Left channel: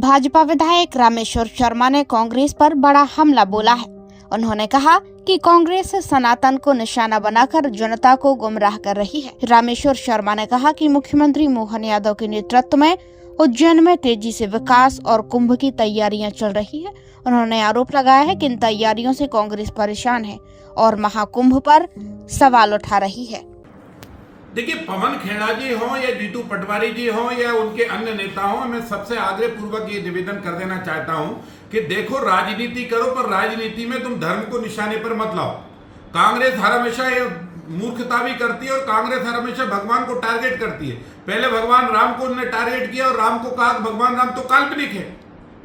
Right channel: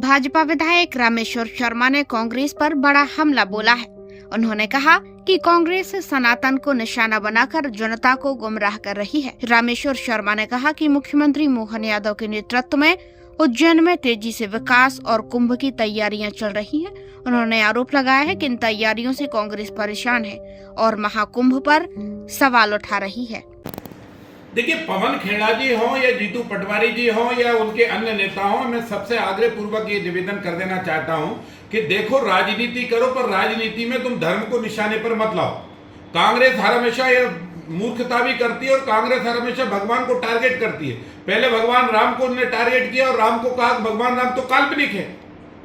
भाजपा विधायक रामेश्वर शर्मा ने कांग्रेस पर बड़ा हमला बोला है। उन्होंने कहा कि कांग्रेस सनातन को निशाना बनाकर जनता को गुमराह कर रही है। रामेश्वर शर्मा ने कहा कि मुख्यमंत्री मोहन यादव के नेतृत्व में उज्जैन में तेजी से विकास और कुंभ की तैयारियां चल रही है। उन्होंने आरोप लगाया है कि इन तैयारियों से कांग्रेस परेशान है और महाकुंभ पर सवाल उठा रही है। देखिए, पवन खेड़ा जी हों या जीतू पटवारी जी हों या उनके अन्य नेता हों, मैं सबसे आग्रह पूर्वक ये निवेदन कर देना चाहता हूं कि देखो, राजनीति करो पर राजनीति में तुम धर्म को निशाने पर मत लाओ। कांग्रेस हर हमेशा ये मूर्खता भी करती है और कांग्रेस हर हमेशा भगवान को टारगेट करती है। पहले भगवान राम को उन्होंने टारगेट किया और राम को कहा भगवान राम तो काल्पनिक है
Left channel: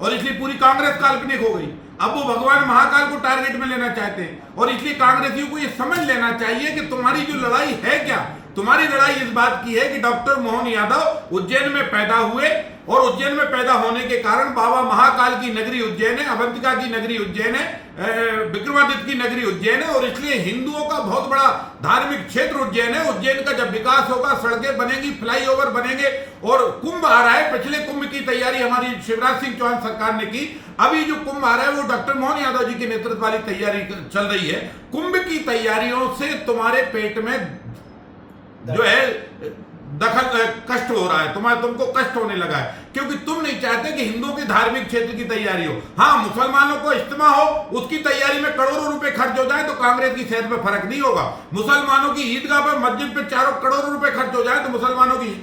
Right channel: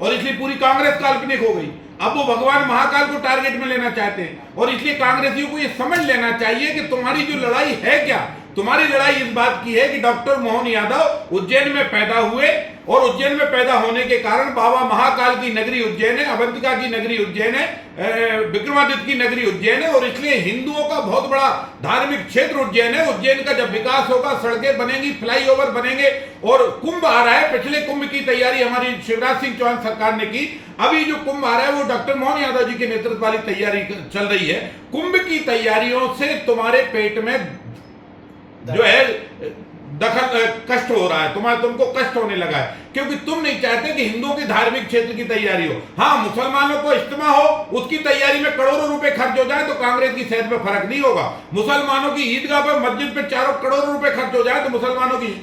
और इसलिए पूरी कांग्रेस काल्पनिक हो गई। अब वो भगवान महाकाल को टारगेट में लेना चाहते हैं और इसलिए कांग्रेसियों को ये समझ लेना चाहिए कि तुम्हारी जो लड़ाई है क्या, तुम्हारी लड़ाई इस बात की है कि डॉक्टर मोहन यादव उज्जैन में पैदा हुए और उज्जैन में पैदा होने के कारण बाबा महाकाल की नगरी उज्जैन है, अवंतिका की नगरी उज्जैन है, विक्रमादित्य की नगरी उज्जैन है और इसलिए हिंदुओं का बहुत बड़ा धार्मिक क्षेत्र उज्जैन है। उज्जैन का जब विकास होगा, सड़कें बनेंगी, फ्लाईओवर बनेंगे और कुंभ आ रहा है। पिछले कुंभ की तैयारी हमारी शिवराज सिंह चौहान सरकार ने की। अभी जो कुंभ आ रहा है वो डॉक्टर मोहन यादव जी के नेतृत्व वाली तैयारी चल रही है। कुंभ की तैयारियों से तुम्हारे पेट में जो है दखल कष्ट हो रहा है, तुमको कष्ट होने लगा है क्योंकि तुम नहीं चाहते कि हिंदुओं के धार्मिक क्षेत्र की तैयारी हो। हाँ, मुसलमानों को इज्तिमा हो, उसकी तैयारी में करोड़ों रुपए खर्च हो जाए तो कांग्रेस की सेहत पे फर्क नहीं होगा। मुसलमानों की ईदगाह पे, मस्जिद पे करोड़ों रुपए खर्च हो जाए तो मुसलमानों की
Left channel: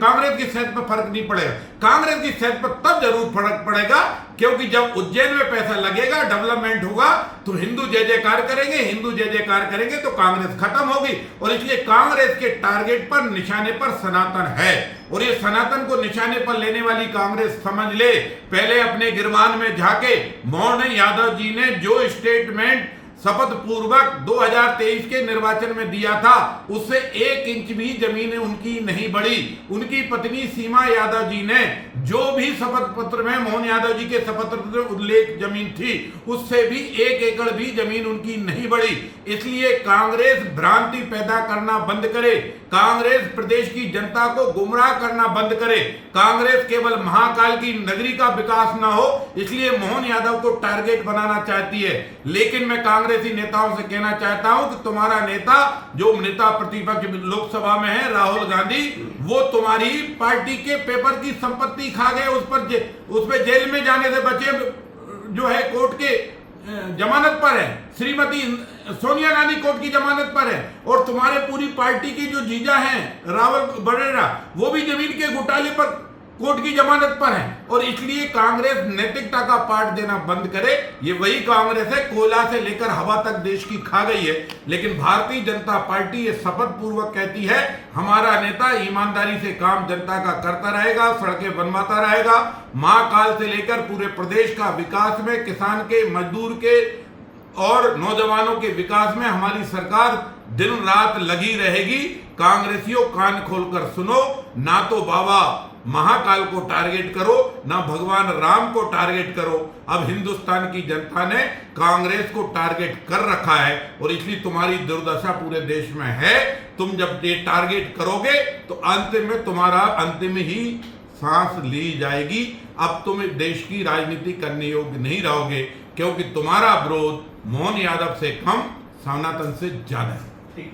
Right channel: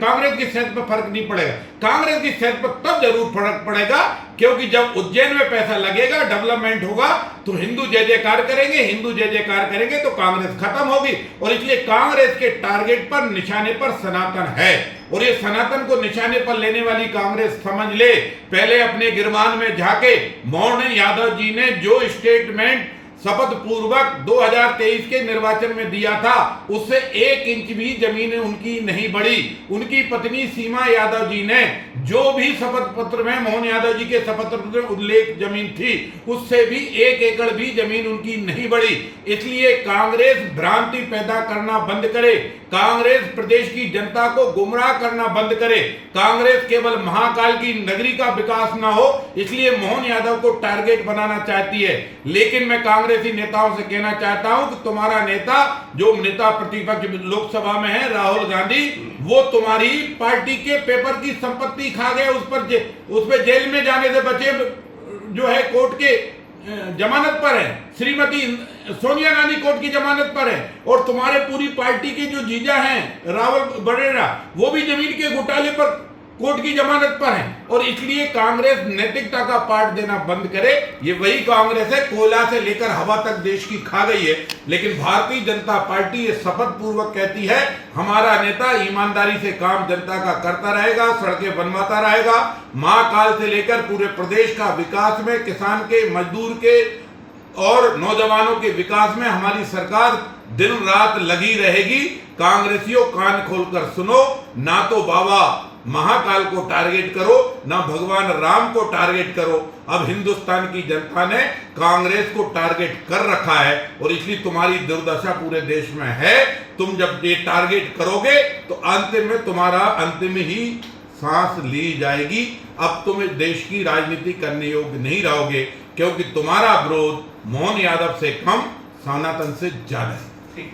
कांग्रेस की सेहत पर फर्क नहीं पड़ेगा। कांग्रेस की सेहत पर तब जरूर फर्क पड़ेगा क्योंकि जब उज्जैन में पैसा लगेगा, डेवलपमेंट होगा तो हिंदू जय जयकार करेंगे, हिंदू जय जयकार करेंगे तो कांग्रेस खत्म होगी। और इसलिए कांग्रेस के टारगेट पर, निशाने पर सनातन है और ये सनातन को निशाने पर लेने वाली कांग्रेस समझ ले। पहले अपने गिरबान में झाके। मोहन यादव जी ने जो स्टेटमेंट शपथ पूर्वक 2023 के निर्वाचन में दिया था उससे 1 इंच भी जमीन उनकी नहीं बढ़ी। उनकी पत्नी सीमा यादव जी ने जो भी शपथ पत्र में मोहन यादव जी के शपथ पत्र में उल्लेख जमीन थी उससे भी 1 एकड़ भी जमीन उनकी नहीं बढ़ी। इसलिए कांग्रेस भ्रांति पैदा करना बंद करे, कांग्रेस प्रदेश की जनता को गुमराह करना बंद करे। कांग्रेस केवल महाकाल की नगरी का विकास ना हो इसलिए मोहन यादव को टारगेट बनाना चाहती है। लेकिन मैं कांग्रेसी नेताओं से कहना चाहता हूं कि तुम्हारा नेता, जो नेता प्रतिपक्ष लोकसभा में है, राहुल गांधी, वो तुम्हारी पार्टी के पेपर की संपत्ति खा गए, उस पर जेल में जाने से बचे, जो है कोर्ट के जमानत पर है। श्रीमती सोनिया गांधी कोर्ट की जमानत पर है और तुम्हारे पूरी पार्टी के जो जीजा हैं रावल बड़ेरा, वो भी जमीन के घोटाले पर कोर्ट की जमानत पर है। और इसलिए कांग्रेस नैतिकता का पाठ देना बंद करे। ये वही कांग्रेस है, कोयला से लेकर हवा तक देश की खा गई है। लेकिन भारतीय जनता पार्टी ये शपथ पूर्वक कहती है हमारा नेता ईमानदारी से काम जनता का करता रहेगा, सड़कें बनवाता रहेगा, महाकाल से लेकर पूरे प्रदेश का विकास में, किसान के, मजदूर के और नौजवानों के विकास में हमारी सरकार दिन रात लगी रहेगी। कांग्रेसियों, कान खोलकर सुनो, ना तो बाबा महाकाल को टारगेट करो, ना भगवान राम को टारगेट करो। अब हिंदुस्तान की जनता ने कांग्रेस को टारगेट कर रखा है और इसलिए तुम्हारी दुर्दशा पूरे देश में है। तुम जब ये टारगेट करोगे तो अंतिम में तुम्हारा अंतिम ही सांस ली जाएगी। अब तुम देश की राजनीति करने योग्य नहीं रहोगे क्योंकि तुम्हारा विरोध मोहन यादव से कम, सनातन से ज्यादा है।